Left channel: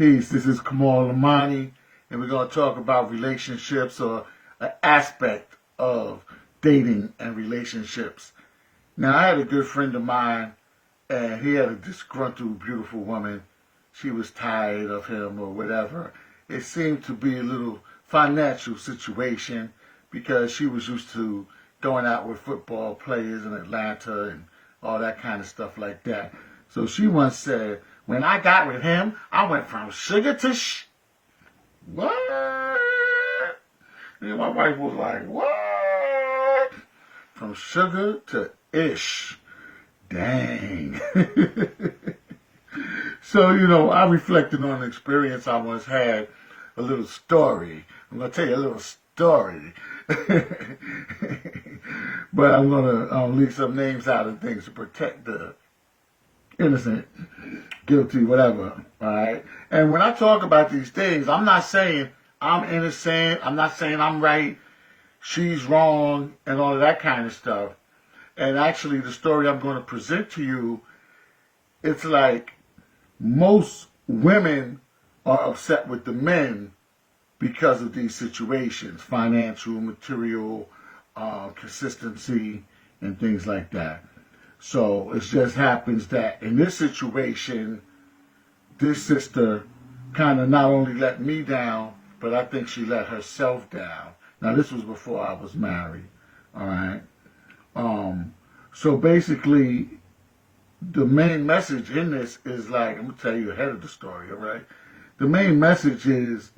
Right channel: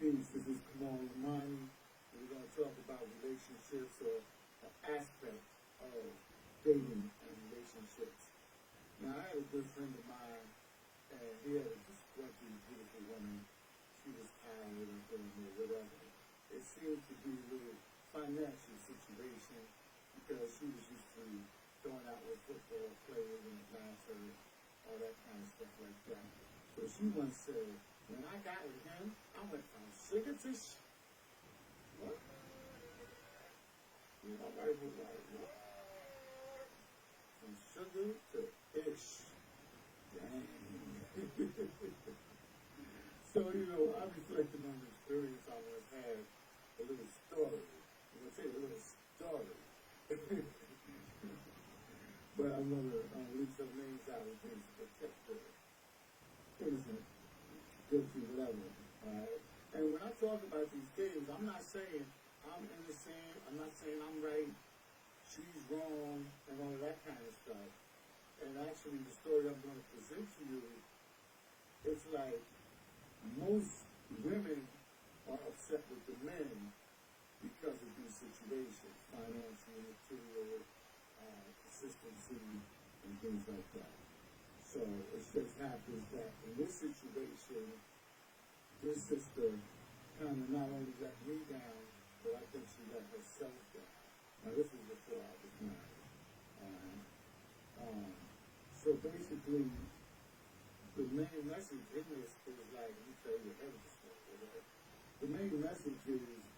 Peace. This is Kamal Imani, and we're going to talk about relationships or an aspect of dating and relationships. Now, I had a good friend of mine, and he had a disgruntled, beautiful woman. She was tired of him or whatever. It seemed to be a little financial situation because she was used to going out with football players in Atlanta and all that kind of stuff like that. So she once said, when I got with him, I went from sugar to what? And my wife was like, what? From sugar to ish. Dang. So, I reflected on an experience I once had, a little story. I'm going to tell you a little story. But I'm going to leave some names out of things to protect the innocent, guilty, whatever. All right. And when I talk about these things, I'm not saying I'm innocent. I'm not saying I'm right. She's wrong and all of that kind of stuff. And actually, the story I'm going to present to you, it's like most women are upset with the men because of these situations, financial, material, consistency, and things like that. So it just happens that in this situation, this sister kind of not only let me down, but I think she let herself down. Now, this was before I was married, all right? So basically, the main message in this is like, I'm going to tell you ahead of the story, all right? The main message is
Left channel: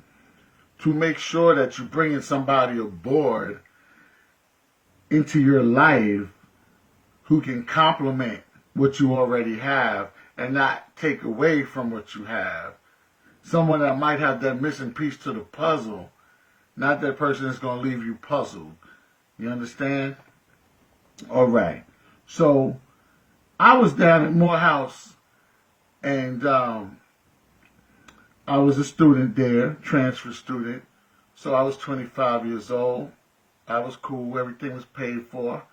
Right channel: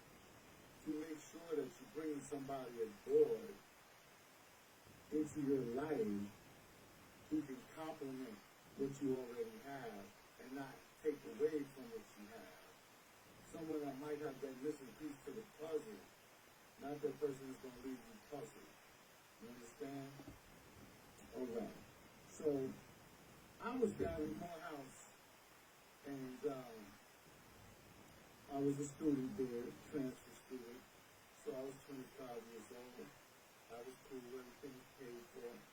to make sure that you're bringing somebody aboard into your life who can complement what you already have and not take away from what you have. Someone that might have that missing piece to the puzzle, not that person that's going to leave you puzzled. You understand? All right. So I was down at Morehouse, and I was a student there, transfer student. So I was 25 years old. I was cool. Everything was paid for.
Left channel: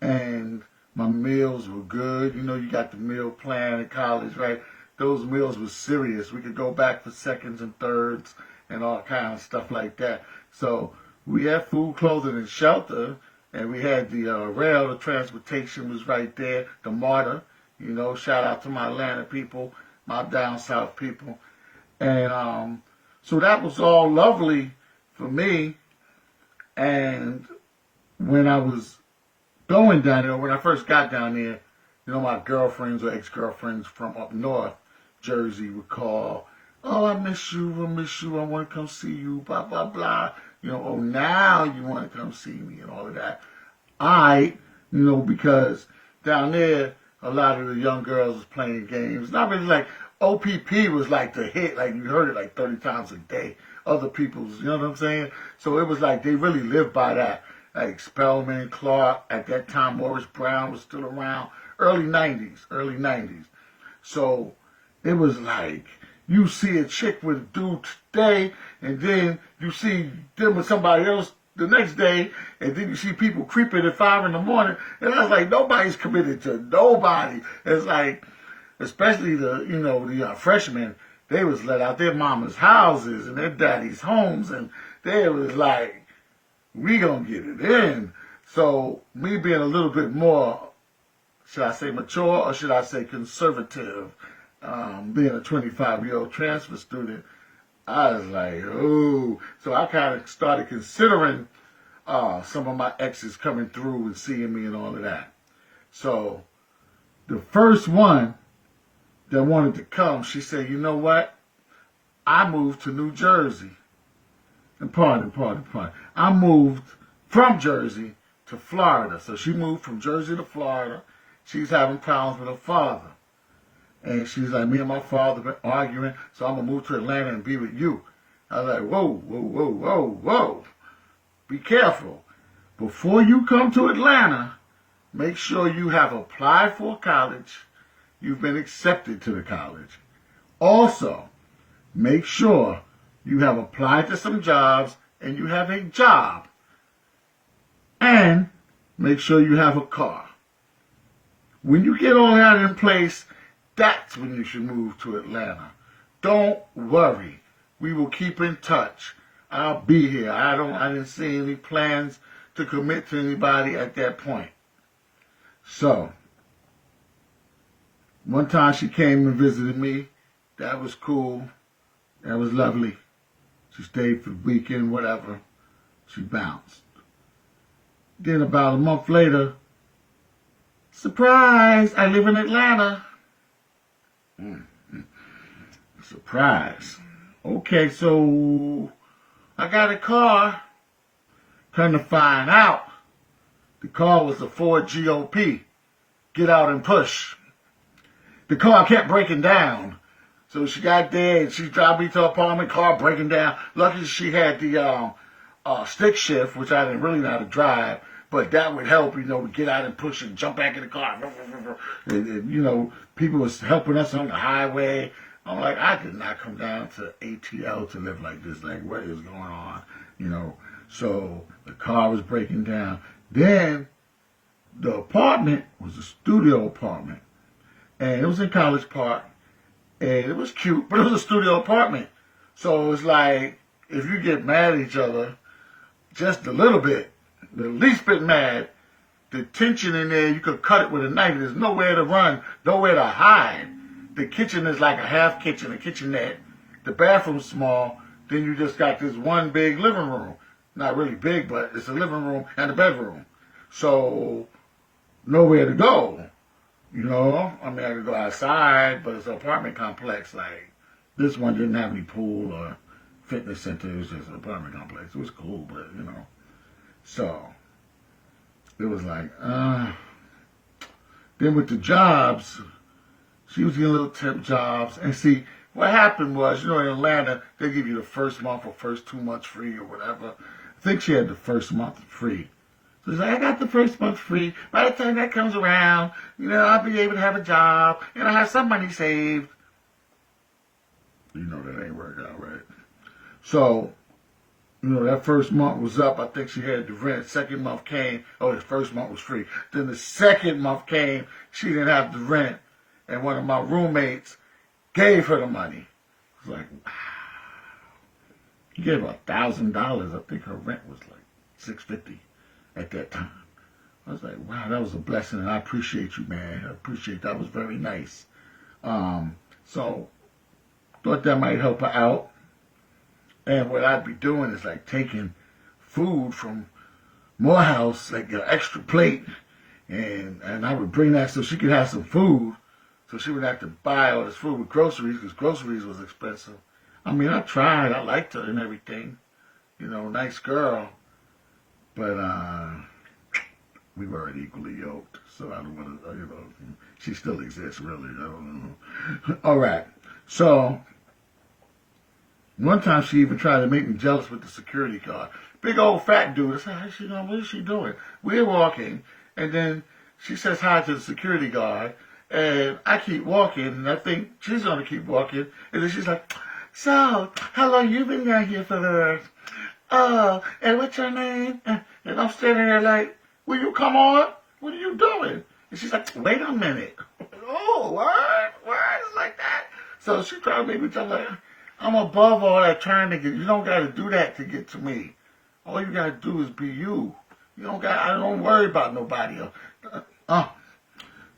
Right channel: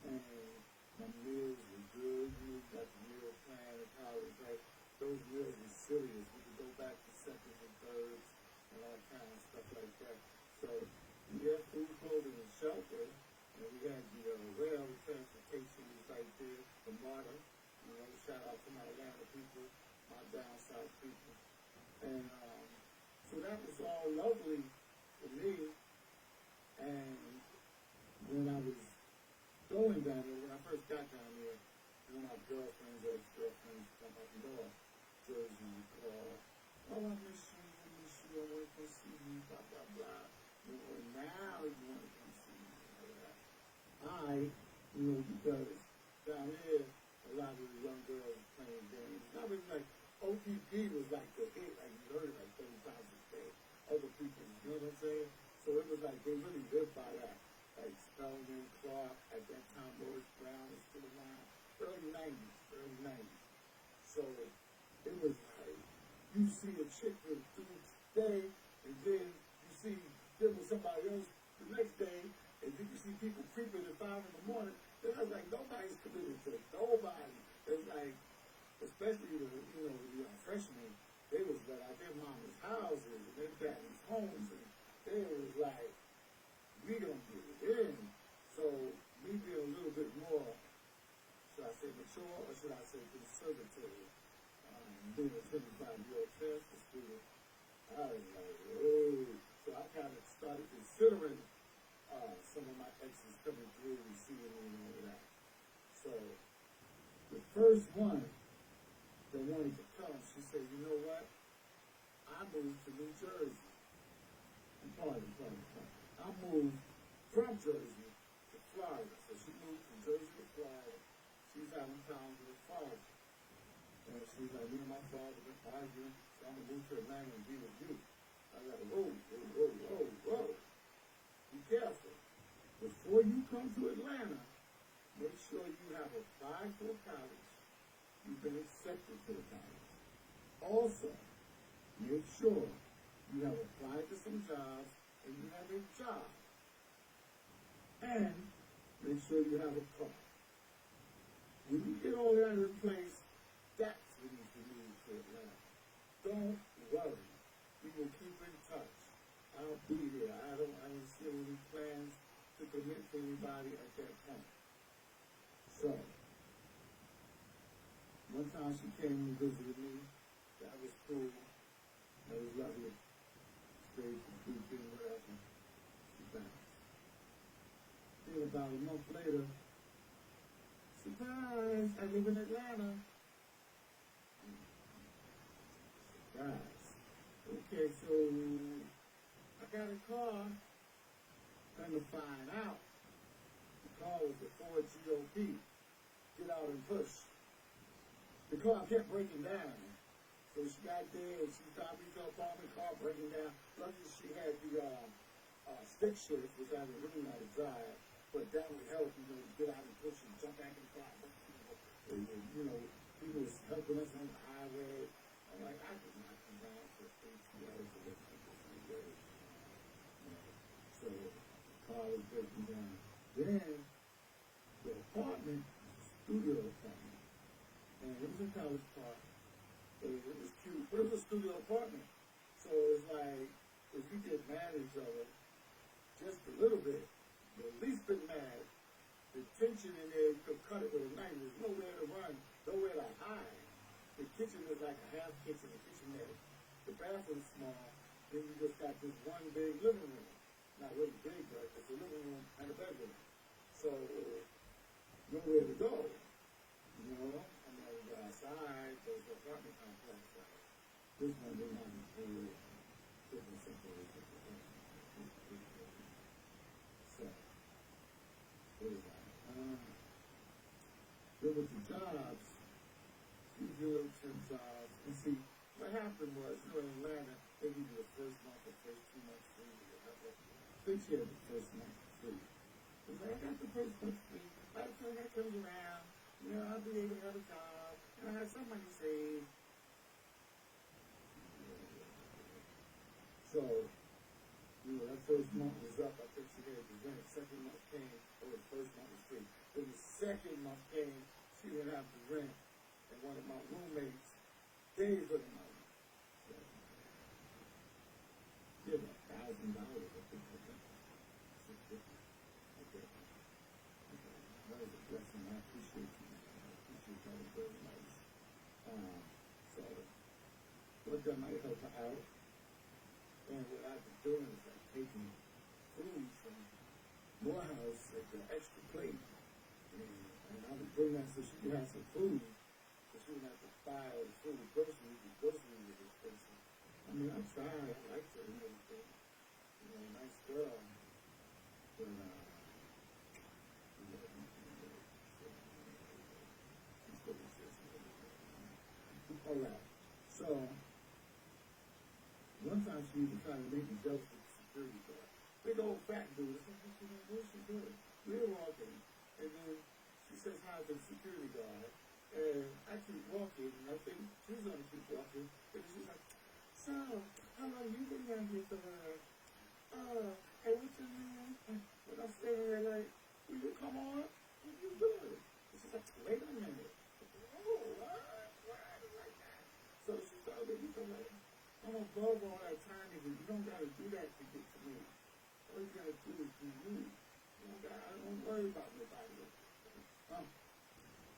And my meals were good. You got the meal plan in college, right? Those meals were serious. We could go back for seconds and thirds and all kind of stuff like that. So we had food, clothing, and shelter. And we had the rail, the transportation was right there, the MARTA, shout out to my Atlanta people, my down south people. And so that was all lovely for me. And when I was going down there, when I first got down there, my girlfriends or ex-girlfriends from up north, Jersey, would call, oh, I miss you, I want to come see you, blah, blah, blah. Oh, now you want to come see me and all of that. Because down there, a lot of the young girls was playing games. Not really like, OPP was like the hit, like you heard it like 30 times a day. Other people's, you know what I'm saying? So it was like they really lived by that. Like Spellman, Clark, at that time Morris Brown was still around. Early 90s. So it was like, you see a chick with a dude today, and then you see them with somebody else the next day, and then you see people creeping at 5 in the morning, and I was like, nobody's committed to nobody. It's like, especially the freshmen, they was let out their mama's houses and their daddy's homes, and they was like, we gonna get it in. So me being a little bit more, should I say mature or should I say conservative, being a 25-year-old transfer student, I was like, oh. So I kind of started considering some of my exes coming through and seeing me and all of that. So the first one that wanted to come, she said, you know what? I moved to New Jersey. And pardon. I moved from Jersey to Florida. So she moved from Jersey to Florida. She's having problems with her father. And she's like, me and my father been arguing, so I'm going to move to Atlanta and be with you. I was like, whoa. Be careful. Before you come to Atlanta, make sure you have applied for college. You've been accepted to the college. Also, make sure you have applied to some jobs and you have a job. And make sure you have a car. When you get all that in place, that's when you should move to Atlanta. Don't worry. We will keep in touch. I'll be here. I didn't see any plans to commit to anybody at that point. So, one time she came and visited me. That was cool. That was lovely. She stayed for the weekend, whatever. She bounced. Then about a month later, surprise, I live in Atlanta. Surprise. Okay, so I got a car. Come to find out, the car was a Ford GOP. Get out and push. The car kept breaking down. So she got there and she dropped me to her apartment, car breaking down. Lucky she had the stick shift, which I didn't really know how to drive, but that would help, to get out and push and jump back in the car. And people was helping us on the highway. I'm like, I could not come down to ATL to live like this. Like, what is going on? So the car was breaking down. Then the apartment was a studio apartment. And it was in College Park. And it was cute, but it was a studio apartment. So it was like, if you get mad at each other, just a little bit, the least bit mad, the tension in there, you could cut it with a knife. There's nowhere to run, nowhere to hide. The kitchen is like a half kitchen, a kitchenette. The bathroom's small. Then you just got this one big living room. Not really big, but it's a living room and a bedroom. So, nowhere to go. I could go outside, but it's an apartment complex. Like, this one didn't have any pool or fitness center. It was just an apartment complex. It was cool, but, So, it was like, Then with the jobs, she was getting little temp jobs. And see, what happened was, in Atlanta, they give you the first month or first 2 months free or whatever. I think she had the first month free. So she's like, I got the first month free. By the time that comes around, I'll be able to have a job and I have some money saved. That ain't work out right. So, that first month was up. I think she had the rent. Second month came. Oh, the first month was free. Then the second month came. She didn't have the rent. And one of my roommates gave her the money. I was like, wow. He gave her $1,000. I think her rent was like $650 at that time. I was like, wow, that was a blessing, and I appreciate you, man. I appreciate that. Was very nice. So thought that might help her out. And what I'd be doing is like taking food from Morehouse, like an extra plate, and I would bring that so she could have some food, so she would have to buy all this food with groceries, because groceries was expensive. I tried. I liked her and everything. Nice girl. But we weren't equally yoked, so I don't want to, she still exists, really. I don't know. All right. So, one time she even tried to make me jealous with the security guard. Big old fat dude. I said, what is she doing? We're walking, and then she says hi to the security guard, and I keep walking, and I think she's going to keep walking, and then she's like, so, how long you been down here for? Oh, and what's your name? And I'm standing there like, will you come on? What are you doing? And she's like, wait a minute. Oh, what? It's like that? So she tried to make me tell like, I'm above all that trying to get, you don't got to do that to get to me. All you got to do is be you. I don't worry about nobody else.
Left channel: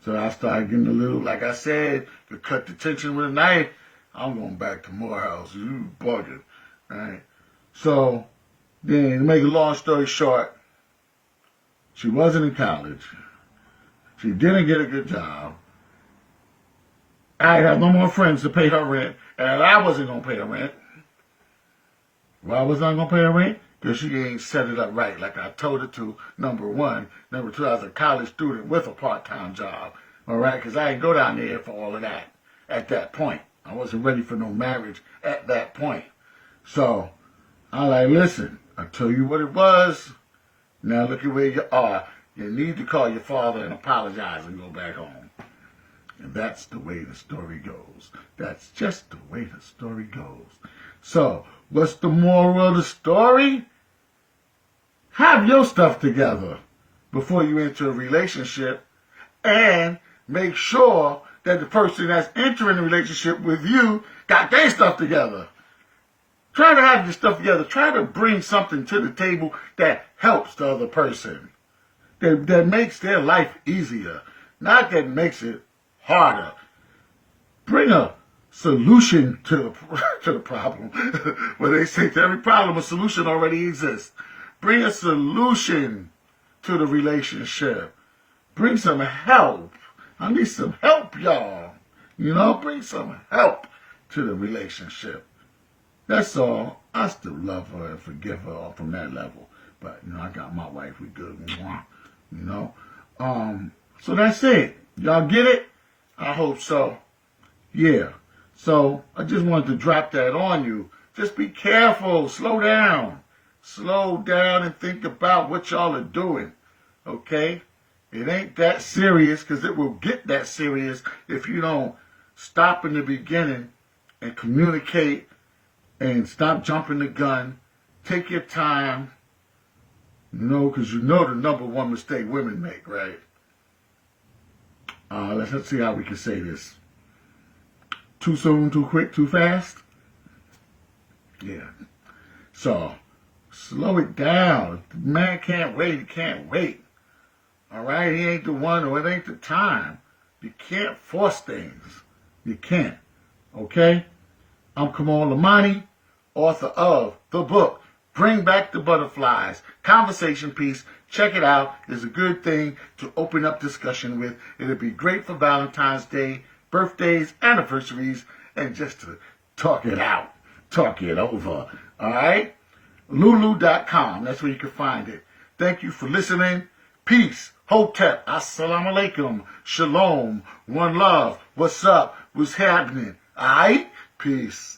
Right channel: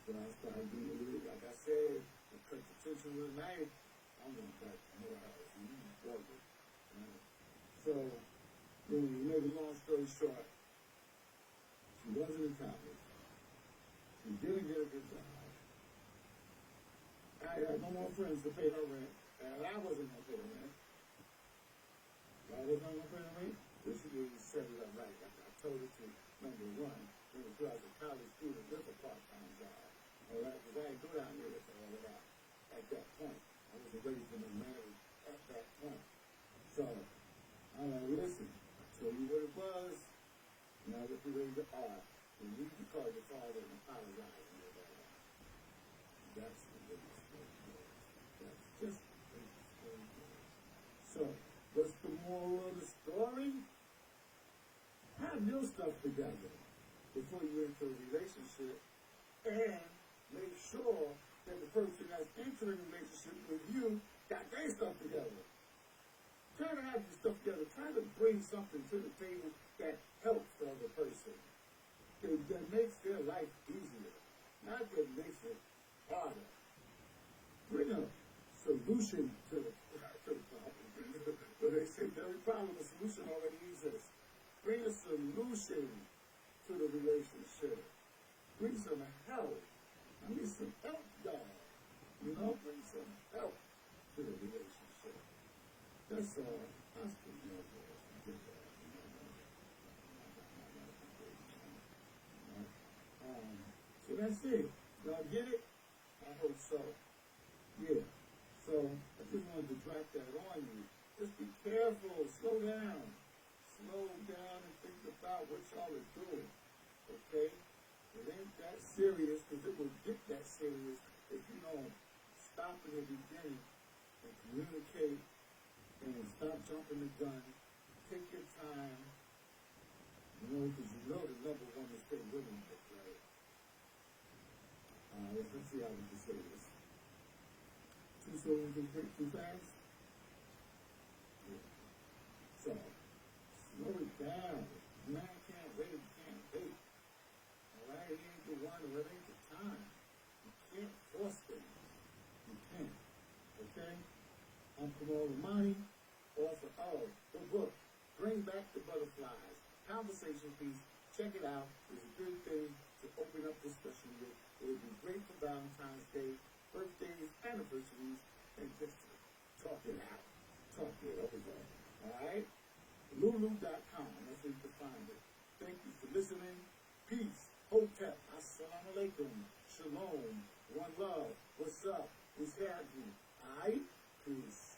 So I started getting a little, like I said, to cut the tension with a knife. I'm going back to Morehouse. You bugging, right? So, then, to make a long story short, she wasn't in college. She didn't get a good job. I had no more friends to pay her rent, and I wasn't going to pay her rent. Why was I going to pay her rent? Because she ain't set it up right like I told her to, number one. Number two, I was a college student with a part-time job, all right? Because I didn't go down there for all of that at that point. I wasn't ready for no marriage at that point. So, I'm like, listen, I told you what it was. Now look at where you are. You need to call your father and apologize and go back home. And that's the way the story goes. That's just the way the story goes. So, what's the moral of the story? Have your stuff together before you enter a relationship, and make sure that the person that's entering the relationship with you got their stuff together. Try to have your stuff together. Try to bring something to the table that helps the other person, that makes their life easier, not that makes it harder. Bring a solution to the problem. Where they say to every problem, a solution already exists. Bring a solution to the relationship. Bring some help. I need some help, y'all. You know, bring some help to the relationship. That's all. I still love her and forgive her from that level. But, you know, I got my wife. We good. You know. So that's it. Y'all get it? I hope so. Yeah. So I just wanted to drop that on you. Just be careful. Slow down. Slow down and think about what y'all are doing. Okay? It ain't that serious, because it will get that serious if you don't stop in the beginning and communicate and stop jumping the gun. Take your time. You know, because you know the number one mistake women make, right? Let's see how we can say this. Too soon, too quick, too fast? Yeah. So, slow it down. If the man can't wait, he can't wait. All right? He ain't the one, or it ain't the time. You can't force things. You can't. Okay? I'm Kamal Imani, author of the book, Bring Back the Butterflies, conversation piece. Check it out. It's a good thing to open up discussion with. It'll be great for Valentine's Day, birthdays, anniversaries, and just to talk it out, talk it over. All right? Lulu.com. That's where you can find it. Thank you for listening. Peace. Hotep. Assalamu alaikum. Shalom. One love. What's up? What's happening? All right? Peace.